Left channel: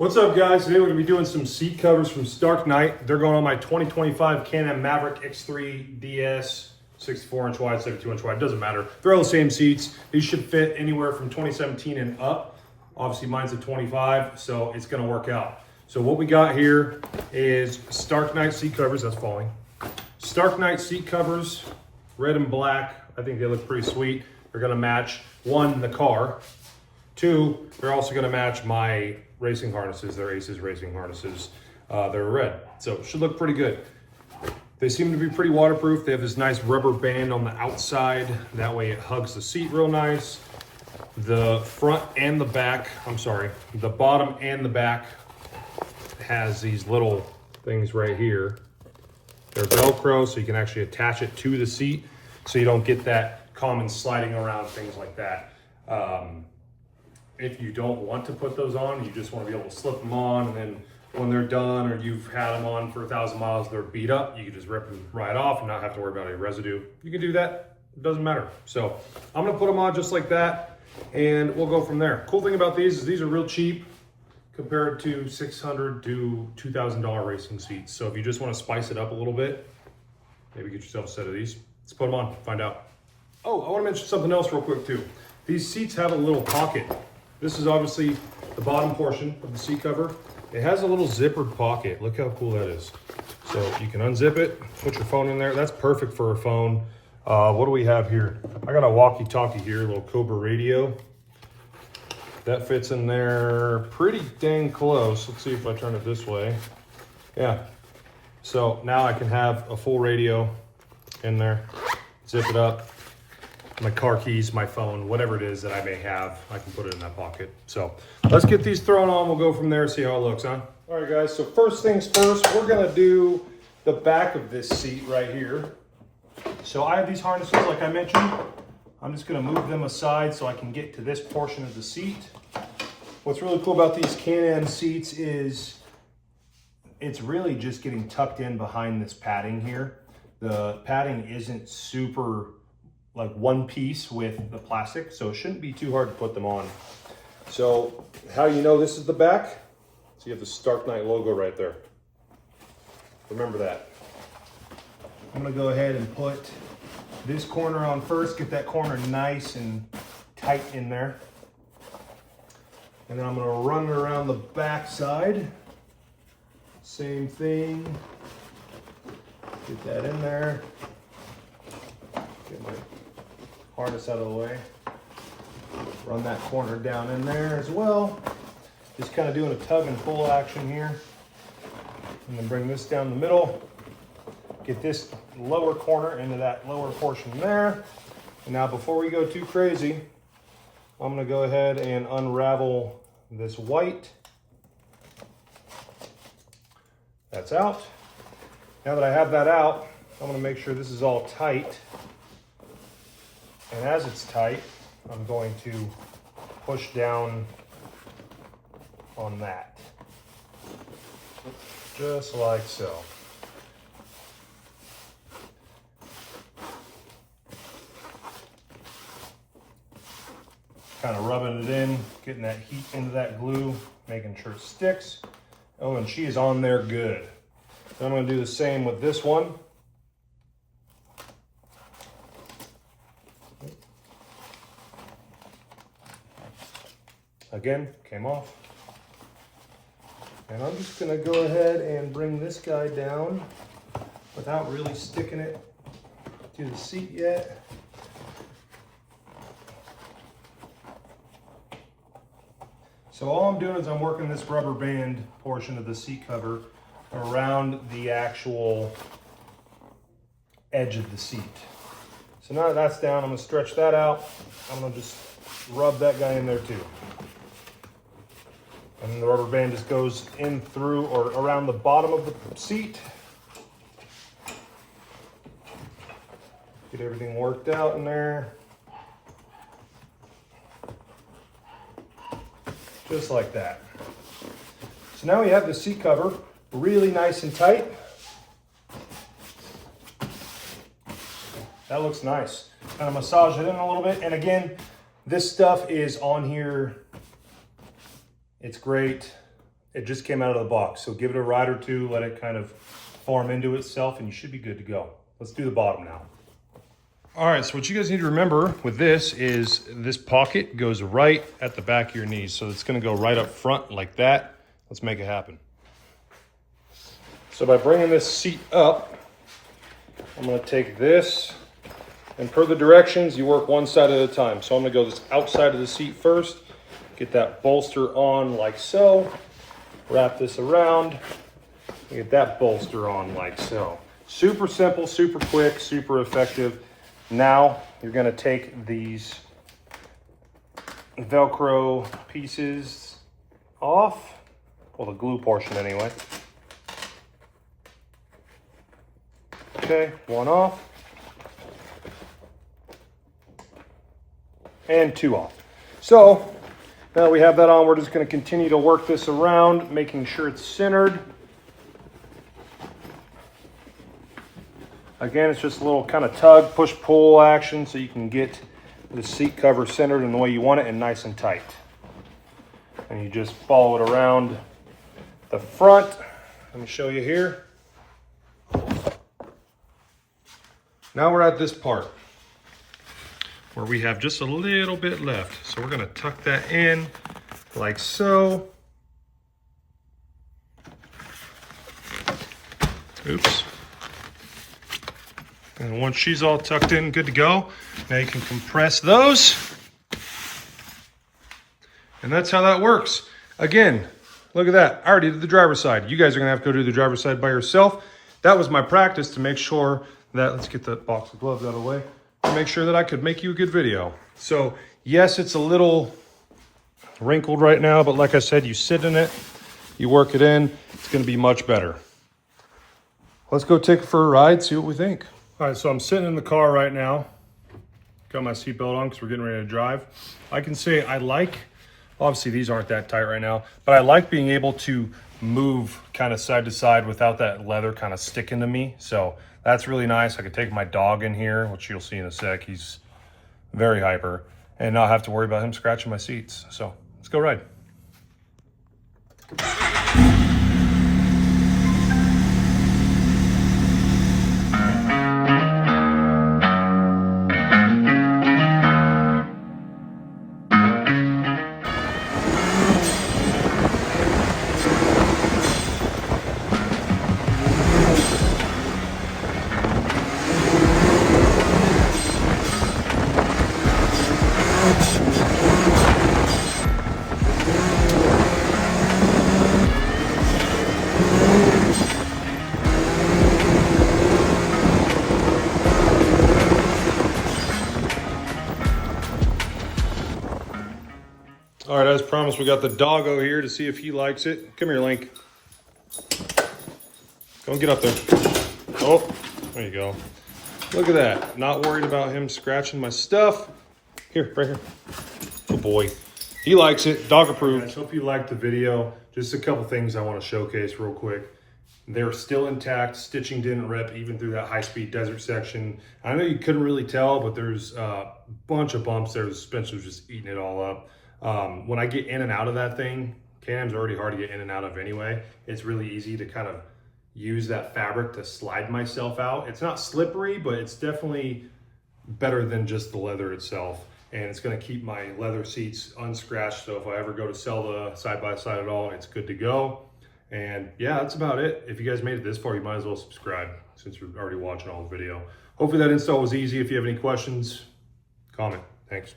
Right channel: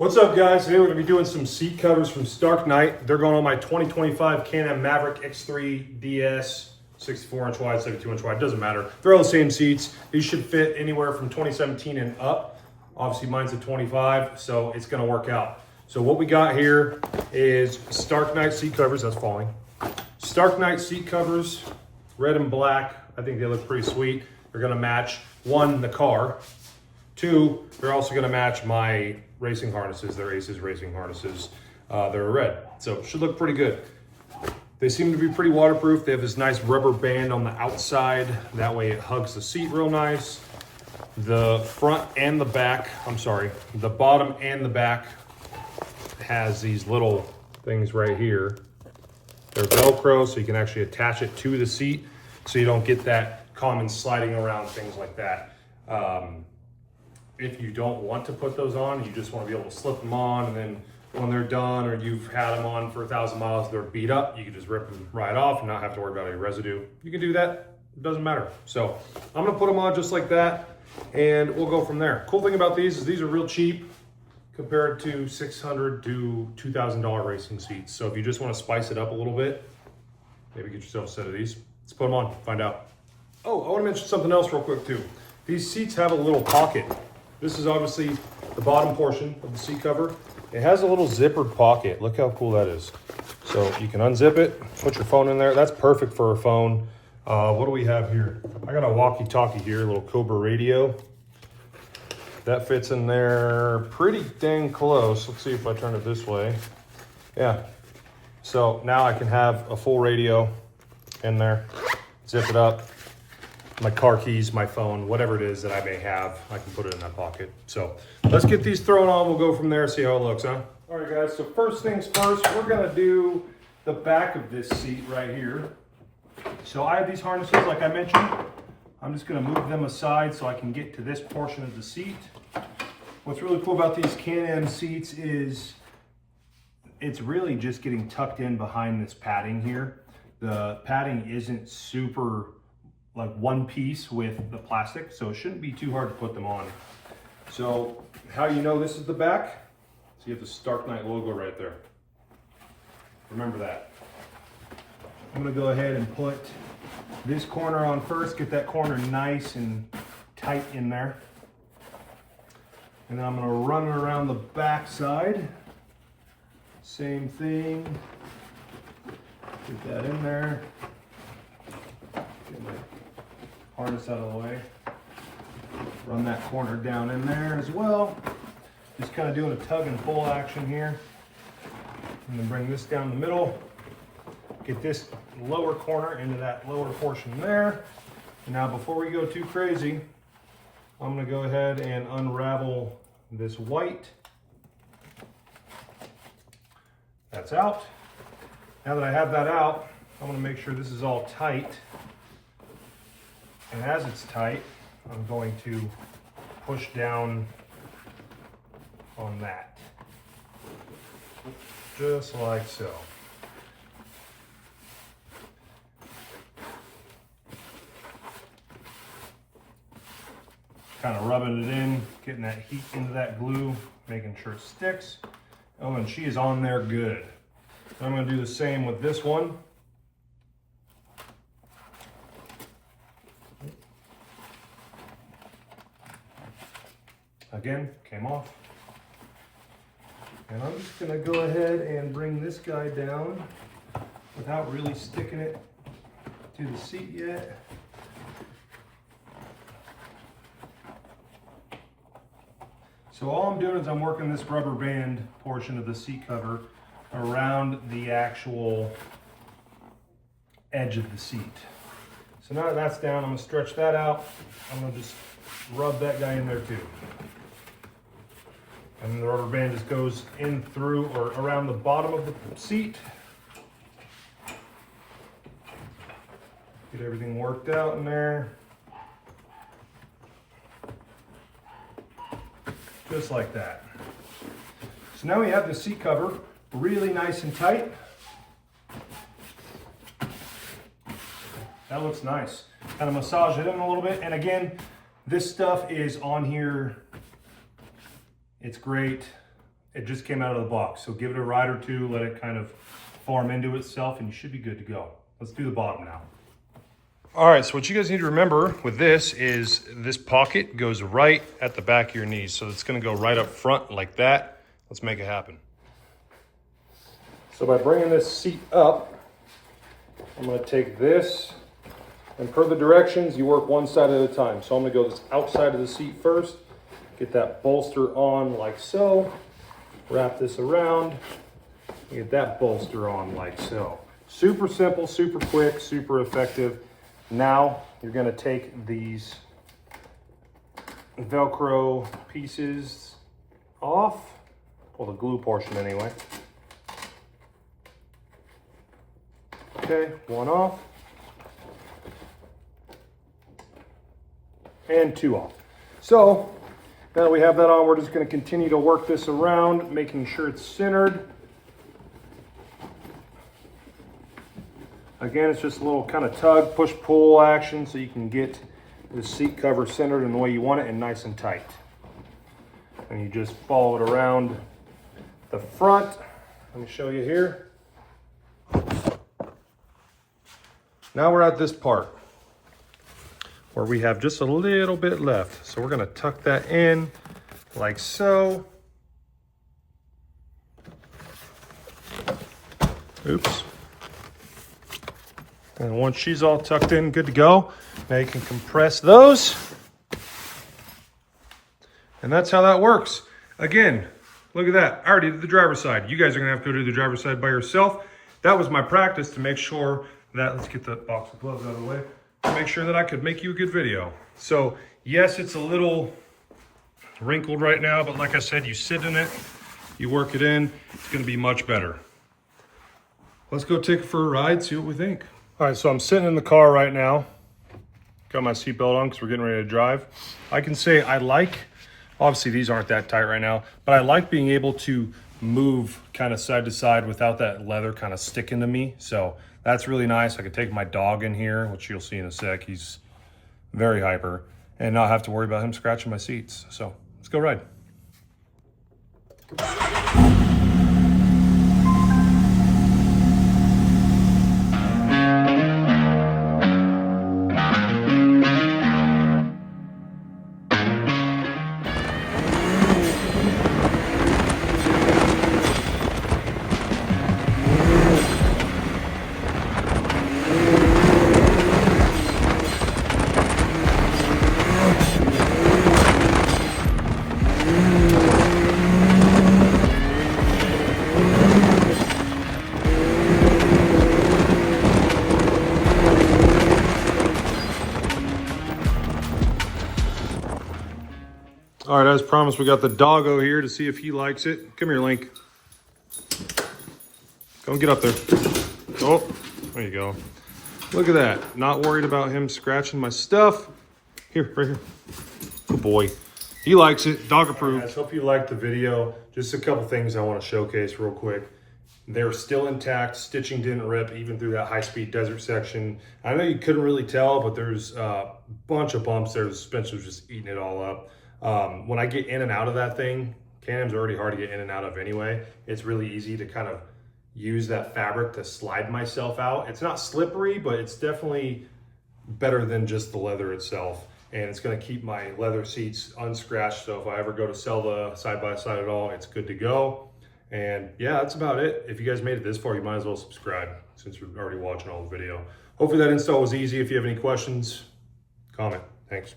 What's up, guys? Today we're going to be doing some seat covers from StarKnight. They're going on my 2025 Can-Am Maverick X3 DS, 64-inch wide, 72-inch wide, doesn't matter. They're all the same seats. These should fit anywhere from 2017 and up. Obviously mine's a 25, so it's going to work out. So what we got here is StarKnight seat covers. That's falling. StarKnight seat covers, red and black. I think they look pretty sweet. They're going to match, one, the car. Two, they're also going to match my racing harnesses. They're Aces racing harnesses. They're red, so it should look pretty good. They seem to be pretty waterproof. They have this nice rubber band on the outside. That way it hugs the seat real nice. The front and the back, the bottom and the back has these little things right here. They're Velcro, so you can actually attach it to the seat so you don't get that common sliding around, things like that. If you don't want to put those on, you just want to be able to slip them on, and then when they're done or you've had them on for 1,000 miles, they're beat up, you can just rip them right off and not have to worry about any residue. You can do that, it doesn't matter. So I'm gonna put them on just like that, and we'll go from there. Cool thing about these is these are real cheap compared to $600 to $2,000 racing seats. So if you just want to spice it up a little bit, maybe get yourself a set of these. Let's put them on, find out. Oh, I want to mention something else real quick too. These seats have a little pocket. This is obviously the bottom portion of the seat cover. It has a little zippered pocket. Look how cool that is. So you can unzip it, put your phone in there. That's perfect for a phone. What do we have here? I got a walkie-talkie here, a little Cobra radio. That fits in there pretty dang close. Let's see if I turn it this way. Yeah. So now I can have a full radio in there. Zip it up. My car keys, my phone, whatever it is that I may have, I can put it in that pocket. So let's get these thrown on. We'll go from there, see how it looks, huh? All right, guys, so first things first, we're gonna do the back of this seat right here. So I have these harnesses, like I mentioned. I'm just gonna move them aside so I can get to this portion of the seat. What's really cool about these Can-Am seats is it's really just getting tucked in behind this padding here. The padding isn't super like one piece with the plastic, so it shouldn't be too hard to put them on. So how you know this is the back? So you have the StarKnight logo right there. Remember that. I'm gonna go ahead and put this corner on first, get that corner nice and tight in there. And then I'm gonna run it around the back side. Same thing. Get that in there. Get my harness out of the way. Run that corner down in there as well. Just kind of doing a tug and pull action here. And then bring this down the middle. Get this lower corner into that lower portion there. And now before we go too crazy, I'm gonna go ahead and unravel this white. That's out. Now that I have that out, I'm gonna make sure this is all tight. And as it's tight, I'm going to push down on that. Just like so. Kind of rubbing it in, getting that heat into that glue, making sure it sticks. Oh, and she is on there good. So I'm going to do the same with this one. Again, came off. And I'm just going to go ahead and bring this guy down without really sticking it to the seat yet. So all I'm doing is I'm working this rubber band portion of the seat cover around the actual edge of the seat. So now that that's down, I'm going to stretch that out. I'm going to just rub that guy in there too. And the rubber band just goes in through or around the bottom of the seat. Get everything worked out in there. Just like that. So now we have the seat cover really nice and tight. That looks nice. Kind of massage it in a little bit. And again, this stuff is on here. It's great. It just came out of the box. So give it a ride or two, let it kind of form into itself, and you should be good to go. Let's do the bottom now. All right, so what you guys need to remember with this is this pocket goes right at the back of your knees. So it's gonna go right up front like that. Let's make it happen. So by bringing this seat up, I'm gonna take this, and per the directions, you work one side at a time. So I'm gonna go this outside of the seat first, get that bolster on like so, wrap this around, and get that bolster on like so. Super simple, super quick, super effective. Now you're gonna take these Velcro pieces off, well, the glue portion anyway. Okay, one off. And two off. So now that we have that on, we're just gonna continue to work this around, making sure it's centered. Again, it's just a little kind of tug, push, pull action so you can get the seat cover centered in the way you want it and nice and tight. And you just follow it around the front. Let me show you here. Now we're at this part where we have just a little bit left. So we're gonna tuck that in like so. Oops. And once she's all tucked in, good to go, now you can compress those. And that's how that works. Again, look at that. I already did the driver's side. You guys are gonna have to go do the driver's side by yourself. That was my practice to make sure that, let's get that box of gloves out of the way, to make sure that I could make you a good video. So yes, it's a little wrinkled right now, but like I said, you sit in it, you work it in, it's gonna be much better. Let's go take it for a ride, see what we think. All right, so I'm sitting in the car right now. Got my seatbelt on because we're getting ready to drive. I can say I like, obviously these aren't that tight right now, but I like being able to move kind of side to side without that leather kind of sticking to me. So that's really nice. I could take my dog in here, which you'll see in a sec. He's very hyper, and not have to worry about him scratching my seats. So let's go ride. All right, as promised, we got the doggo here to see if he likes it. Come here, Link. Go and get up there. Oh, there you go. Look at that. Not worried about him scratching my stuff. Here, right here. Good boy. He likes it. Dog approved. Guys, hope you liked the video. Just a couple things I want to showcase real quick. They're still intact. Stitching didn't rip even through that high-speed desert section. I know you couldn't really tell, but there's a bunch of bumps there. The suspension was just eating it all up. When I get in and out of that thing, Can-Am's already hard to get in and out of anyway. It's really easy to kind of use that fabric to slide myself out. It's not slippery, but it's definitely better than just the leather itself. And it's gonna keep my leather seats unscratched. So if I ever go to sell the side-by-side at all, it's good to go. And yeah, that's about it. If you guys made it this far, you might as well subscribe since you're already watching all the video. Hopefully that install was easy. If you have any questions, comment. Thanks.